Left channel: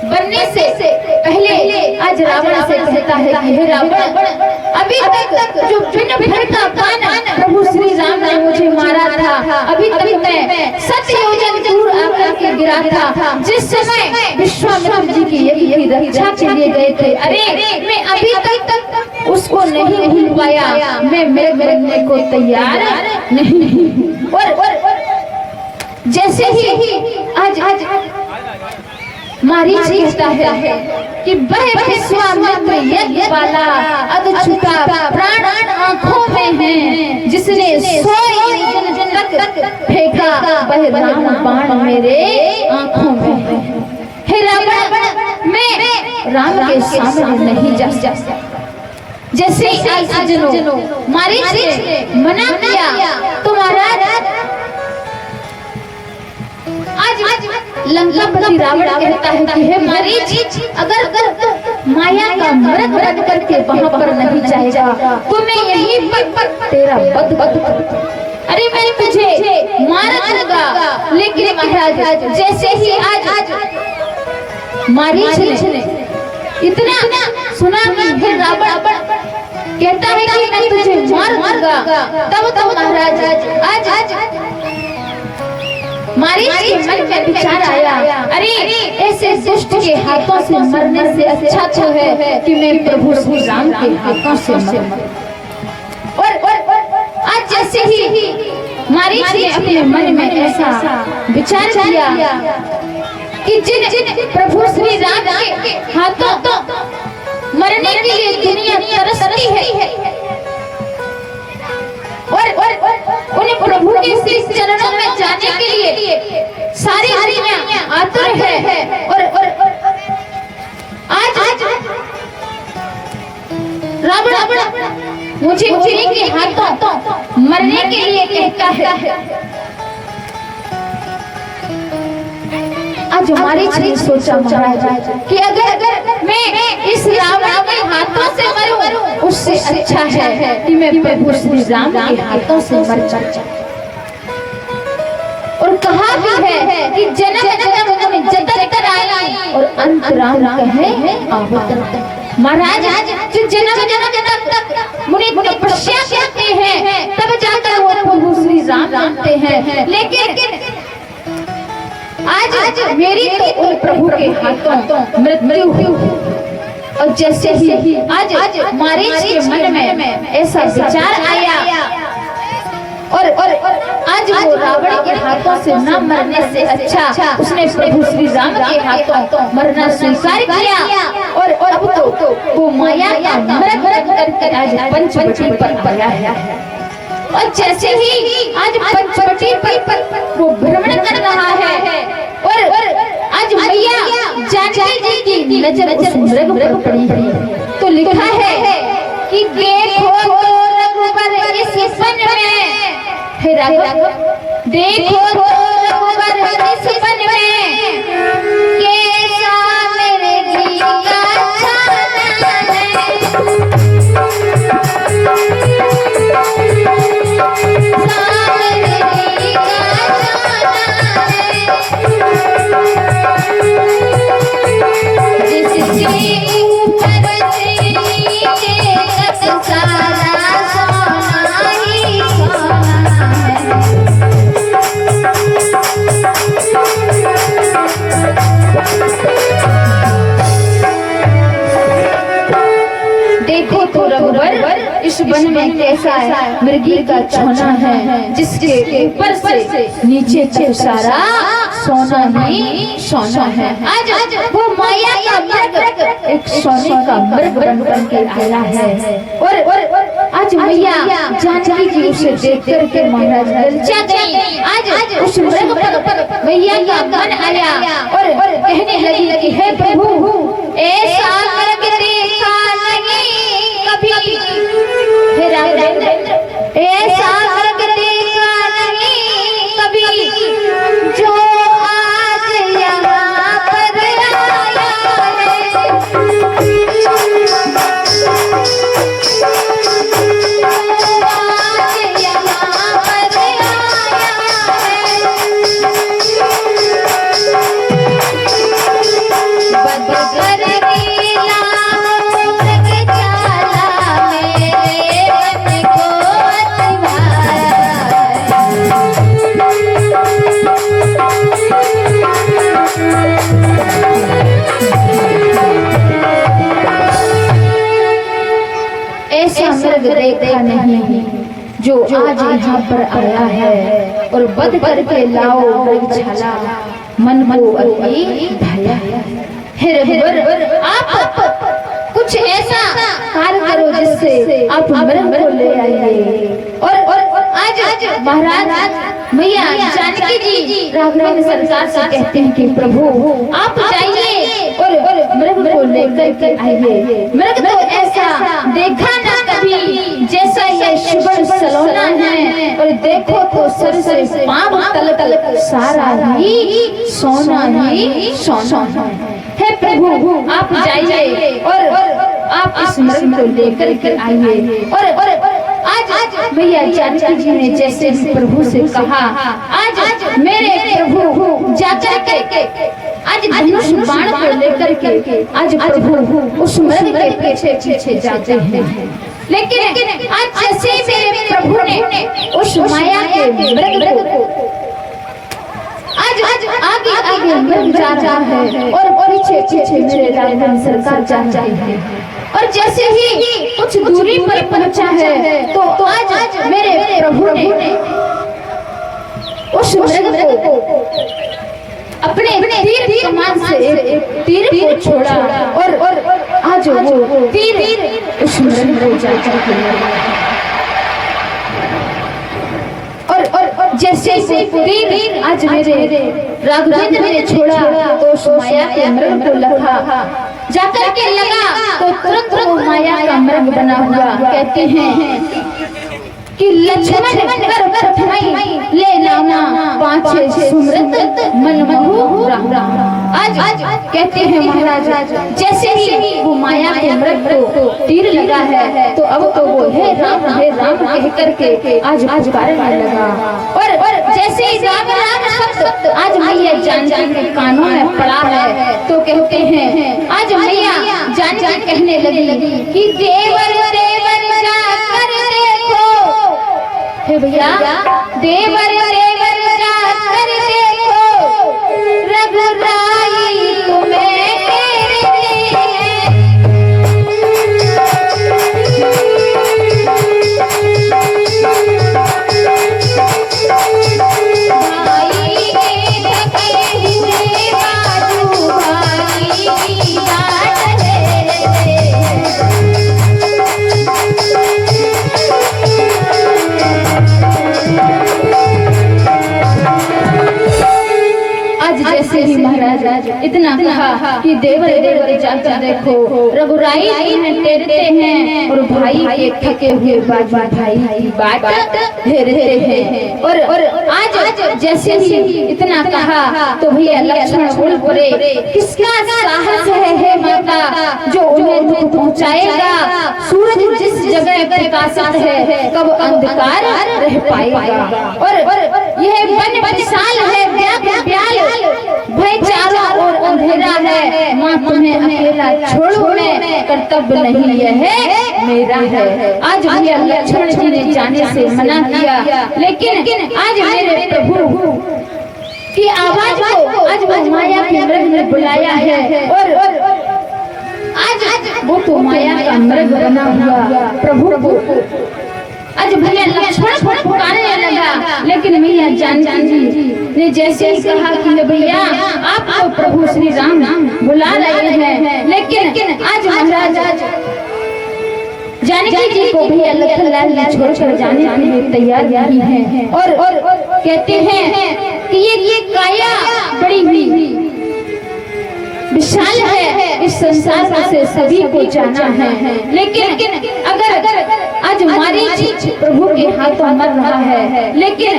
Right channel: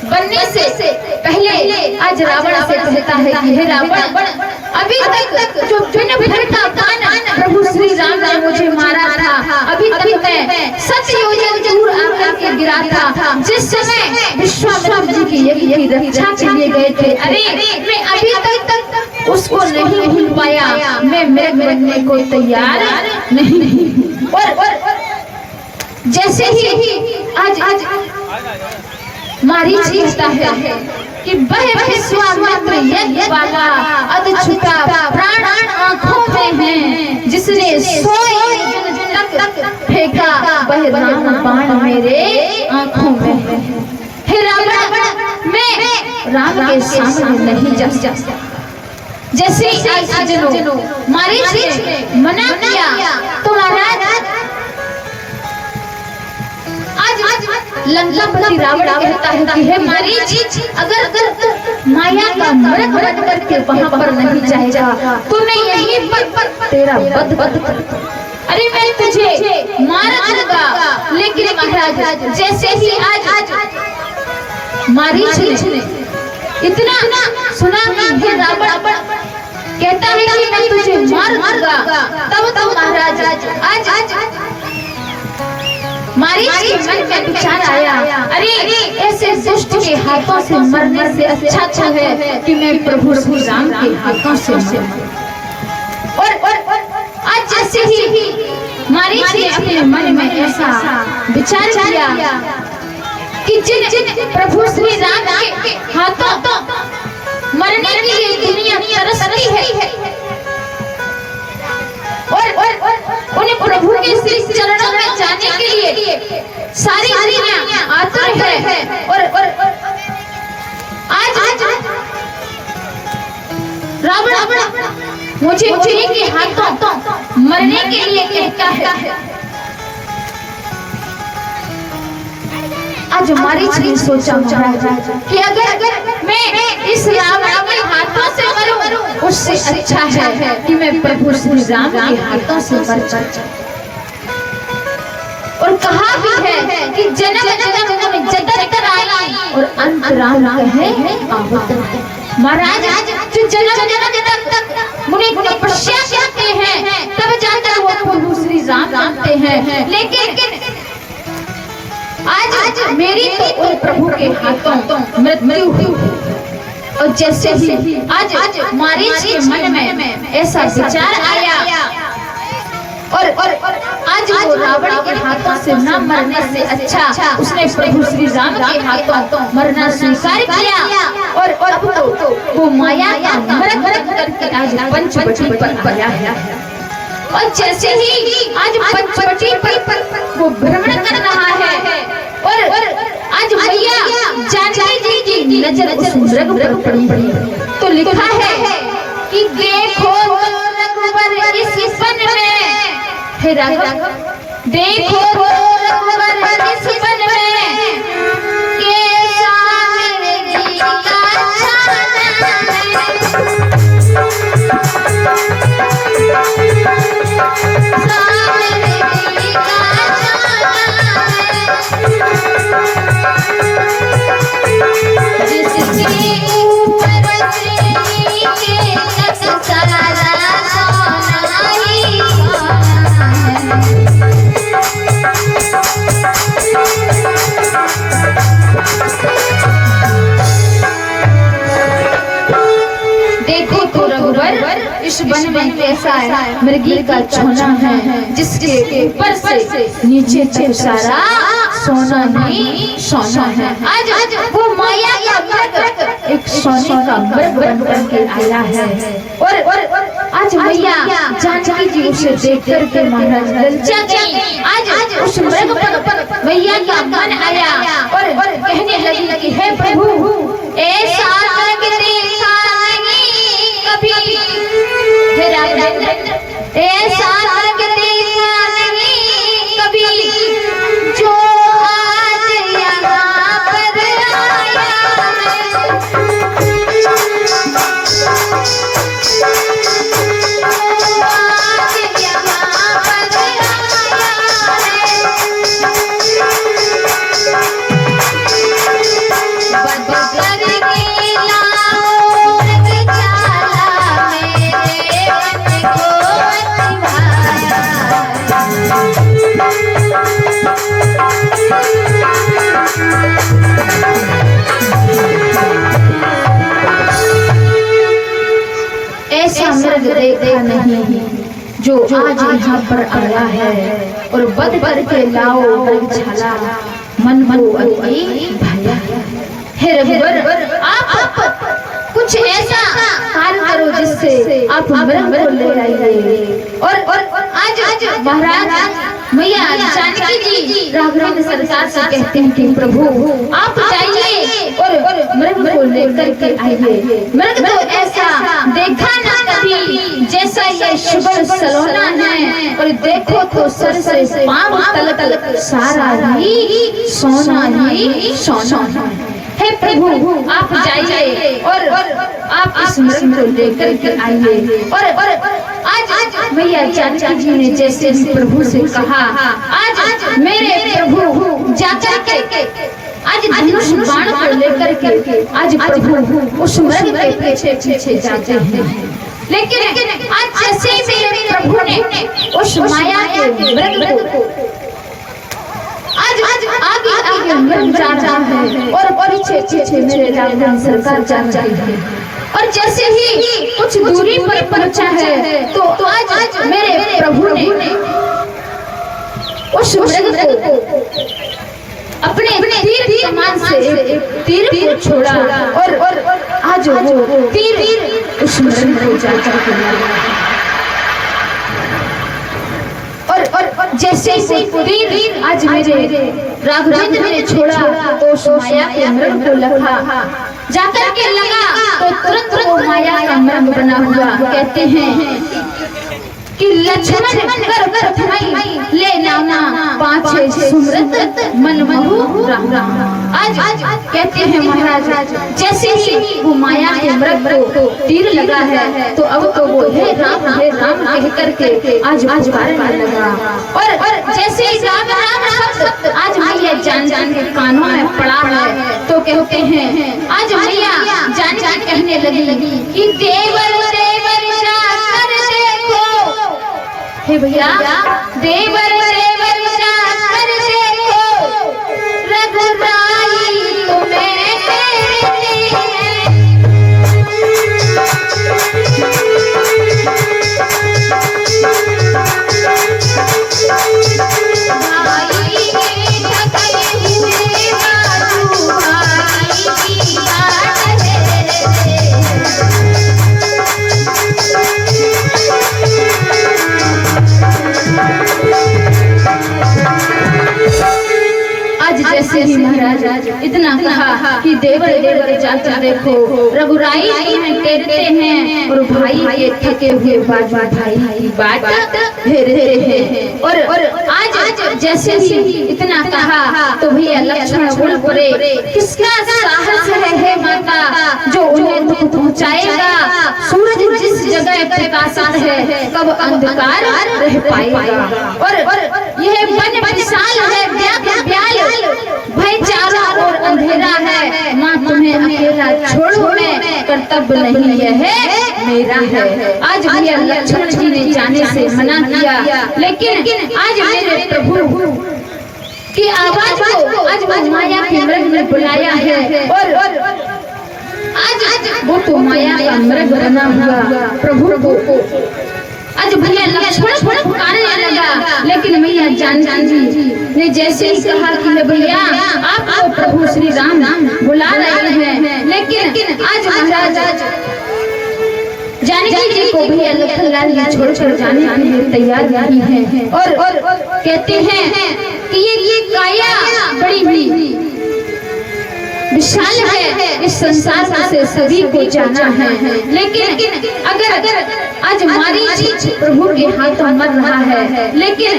बनने से पहले आज रावण से कहता है कि हे रावण, अभी तक जो बिन भर का बाण प्रभु श्री राम ने मुझे मारा था, अभी तक मैं 7 योजन दूर आकर के गिरा था, जिस समय विश्वामित्र जी की यज्ञ की रक्षा के लिए गए थे। अरे मैं अभी तक उसको नहीं भूल पाया, मैं मरने को तैयार नहीं। और जैसे ही आज मारीच कहता है कि वह विश्वामित्र यज्ञ वाला अधछुका प्राण आंखों में है, जिसने 100 योजन तक फेंका वह राम बाण मेरे आंखों में है। हे रावण, मैं राम के सामने नहीं जा सकता। जैसे आज सज्जनों मारीच ने मना किया तो महाराज लंकापति रावण कहता है कि हे मारीच, अगर माया का मृग बन करके वहां पर नहीं जाएगा तो मैं यहीं पर तेरा वध कर। अरे मैं तुझे मार दूंगा। लेकिन महाराज जैसे ही आज मारीच ने इतना सुना कि हे रावण कहता है कि मैं तुझे मार दूंगा, तब तो महाराज आज मारीच के मन में विचार आया, अरे ऐसे दुष्ट के हाथों से मरने से अच्छा तो है कि मैं प्रभु श्री राम के हाथों से मरूं। और आज जैसे ही मारीच ने अपने मन में ऐसा विचार किया कि जिन प्रभु श्री राम के हाथों मरने के लिए दुनिया तरसती है और उन्हें प्रभु के श्री चरणों में जाने के लिए सारी दुनिया आतुर है। और आज रावण मुझे उन्हीं के हाथों मरने के लिए कहता है। आज मारीच ने सोचा कि अगर मैं इस रावण के हाथों से मरूं, उससे अच्छा है कि मैं प्रभु श्री राम के हाथों से मर जाऊं। और कहा भी है कि जन्म जन्म में जतन कराई और अंत राम कहे आवत। महाराज जो जन्म जन्म तक मुनि तपस्या करते हैं तब जाकर वो प्रभु श्री राम जानते हैं, लेकिन आज मेरी तो उन प्रभु के हाथों मृत्यु हुई। और जैसे ही आज मारीच के मन में ऐसा विचार आया और आज वो रावण के हाथों से न मरने से अच्छा उसने प्रभु श्री राम के हाथों मरना स्वीकार किया। और अब तो वो माया का मृग करके आज पंचवटी पर आया है। और जैसे ही आज पंचवटी पर वो भ्रमण कर रहा है और आज मैया जानकी जी की नजर उस मृग पर पड़ी। तो लिखा है कि देखो तो रघुवर इस वन में, हे राघव देखो तो रघुवर इस वन में, कैसा मेरे दिल का छाना वन में कैसा मृगी का छोना है, जिसके ऊपर से नीचे तक सारा सोना ही सोना है। आज वो माया का मृग एक सोने का मृग बन के आया है। और आज मैया जानकी जी उसे देख करके महाराज ललचा गई। आज उस मृग पर मैया का मन आया और कहने लगी है प्रभु ऐसा मृग देखा नहीं कभी, ऐसा मृग देखा नहीं कभी जो आज यहाँ पर आया है। आज यहाँ पर आया है। मर्द देखा नहीं जो आज यहाँ पर आया है, और बद करके लाओ मृगशाला मन को अति भाया है। हे रघुवर, आप कुछ ऐसा कार्य करो जिससे आप मृग को ले आइए। और आज महाराज मैया जानकी जी राघवेंद्र सरकार से कहते हैं कि प्रभु आप जाइए और मृग को लेकर के आइए। मृग तो ऐसा देखा ना कभी जैसा ये शुभ्र सलोना है, और देखो तो सर से पांव तक सारा ही सोना ही सोना है। हे प्रभु आप जाइए और आप इस मृग को लेकर के आइए। और आज मैया जानकी जी ने जैसे प्रभु से कहा, आज मेरे प्रभु जाकर के आज धनुष बाण को लेकर के आज प्रभु उस मृग के पीछे पीछे जाते हैं। लेकिन आज जैसे मेरे प्रभु ने उस माया के मृग को आज आगे आगे मृग जा रहा है और पीछे पीछे मेरे राघवेंद्र सरकार जा रहे हैं। और जैसे ही कुछ दूरी पर पहुंचा है तो आज मेरे प्रभु ने उस मृग को अपने तीर कमान से एक तीर को छोड़ा, और आज वो तीर उस मृग को जाकर के मारा। और जैसे तीर आज मेरे राघवेंद्र ने छोड़ा तो उस माया के मृग को लगा जाकर के लगा तो तुरंत वो माया का मृग बना हुआ। कहते हैं कि लक्ष्मण कर प्रथमई ले नाना पाछे सुमृत मन महु आज कहते हैं महाराज जैसे ही वो माया के मृग को तीर लगा है तो अब तो वो हे राम कह करके आज पुकारने लगा। और जैसे ही राम शब्द आज मैया जान के कानों में पड़ा है तो कहते हैं आज मैया जान कहने लगी कि देवर देवर जाकर देखो। हे भैया देवर देवर जाकर देखो रघुराई तुम्हें महाराज इतना कहा कि देवर देवर जाकर देखो रघुराई तुम्हें टेरते हैं और भाई के थके हुए बाट घेरते हैं। और आज जैसे ही इतना कहा तो भैया लक्ष्मण बोल पड़े किसका साहस है माता जो उन्हें दुख पहुंचाएगा। सूरज जिस जगह प्रकाशित है कब अंधकार रह पाएगा। और यह वन विशाल है भय चारों ओर अंधेरा है। माँ तुम्हें अकेला छोड़ू मैं कर्तव्य नहीं यह मेरा है। आज भैया लक्ष्मण जी ने जाने से मना किया लेकिन आज मेरे प्रभु की आवाज को आज माया के मृग ने बुलाया है। और आज वो तो माया का मृग बना हुआ प्रभु को आज भैया लक्ष्मण पुकारने लगा। लेकिन मैया जानकी जी ने जैसे ही कहा कि भैया आपको प्रभु श्री राम बुला रहे हैं, लेकिन आज महाराज जानकी जी को भैया लखनलाल जी छोड़कर जाने के लिए तैयार नहीं है। और कहते हैं कि ये काया बड़ी हुई विशाल है, इस संसार से सभी को जाना है। लेकिन अगर आज मारीच प्रभु के हाथों मर रहा है लेकिन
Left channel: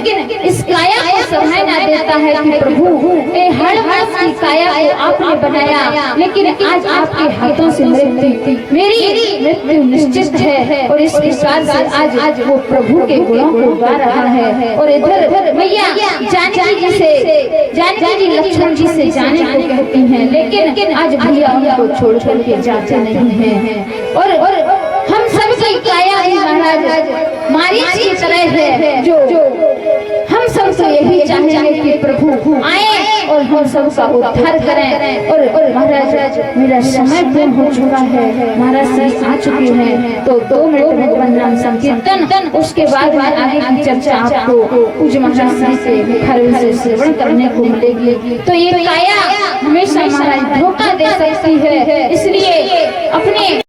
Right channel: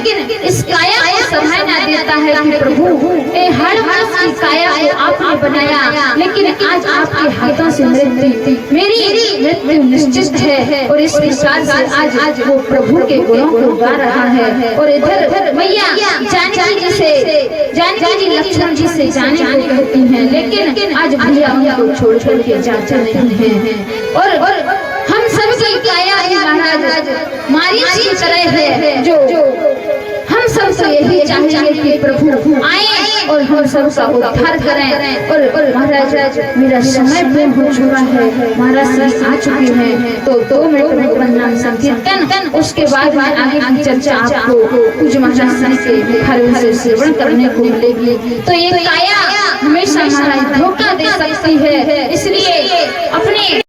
इस काया को सहाय ना देता है कि प्रभु ए हर मास की काया को आपने बनाया, लेकिन आज आपके हाथों से मेरी मृत्यु निश्चित है। और इस प्रकार से आज वो प्रभु के गुणों को गा रहा है। और इधर मैया जानकी जी लक्ष्मण जी से जाने को कहती हैं, लेकिन आज भैया उनको छोड़ करके जाते नहीं हैं। और हम सब की काया महाराज मारीच की तरह है जो हम सब से यही चाहेंगे कि प्रभु आए और हम सबका उद्धार करें। और महाराज मेरा समय पूर्ण हो चुका है, महाराज जी आ चुके हैं, तो 2 मिनट में भगवान नाम संकीर्तन, उसके बाद में आगे की चर्चा आपको पूज्य महाराज जी के मुखारविंद से श्रवण करने को मिलेगी। तो ये काया हमेशा महाराज धोखा दे सकती है, इसलिए अपने